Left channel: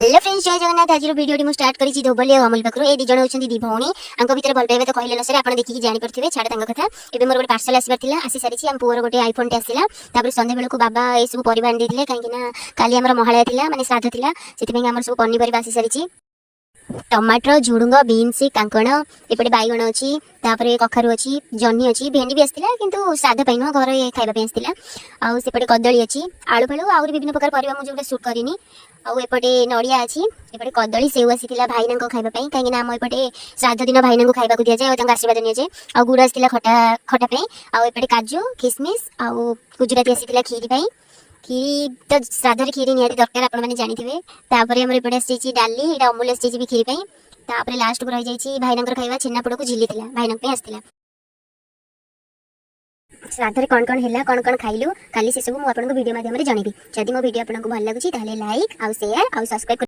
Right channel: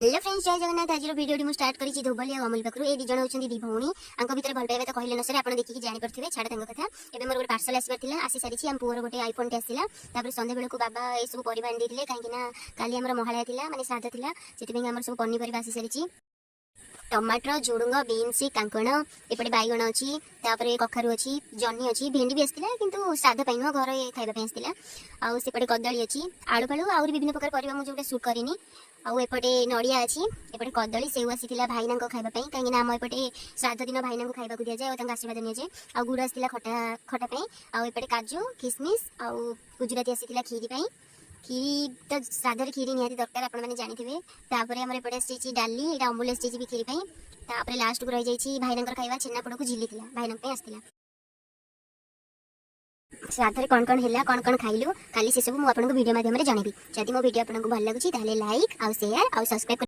Hello friends, जय जगन्नाथ। आज video मुझे स्टार्ट करी धोबली और अमूल पाखु ए दिजण होती दी भौणी आंक भितर भल पाइबा तो कहले न सर आप देखिए जापर छाड़ कथा। एवं मोर गोटे पार्सल आसबार आसी सारी आम पुअर गोटे आईफोन टे आसला। संध्या बेलू बाबा ये सब परिवार आनी कहीं काली आम महालया माने श्राद्ध था से सब पनीपरिया आसी सारी टमाटर झुड़ुंग बीन्स कांकण एपटे बैगण अच्छी कखारू अच्छी जह्नी अच्छी भेंडी भी आसला किंतु श्राद्ध पाई नुह घर खाइबा आसला। आउपटे कदली अच्छी आलू फालू आहरी विभिन्न प्रकार परिवा मुझे सुट करनी। आउपटे नड़िया अच्छी एपटे कदली सेव आसी भाईना खाइबा कहीं आम एपटे श्राद्ध दिन भाईना खाइबा दि जाए और आशीर्वाद नि जाए। आ गुड़ आसला खटा खटा आउपटे काजू किसमिश आउ गुजराती आसी खीरी खीरी तो श्राद्ध खीरी निहाती दरकार आपण मैंने जानी। तापर एपटे आसी डाली ये अमूल आसी भी खीरी तापर लास्ट को रही जाइए भाईना खाइबा छेनापोड़ को झिली भाईना आसला। श्राद्ध कौन कौन है कौन कौन खाइलु काली से सब मुझे वीडियो माध्यम जनइबी। जदि मो वीडियो आपको भल लगे लाइक आउ शेयर आउ सब्सक्राइब।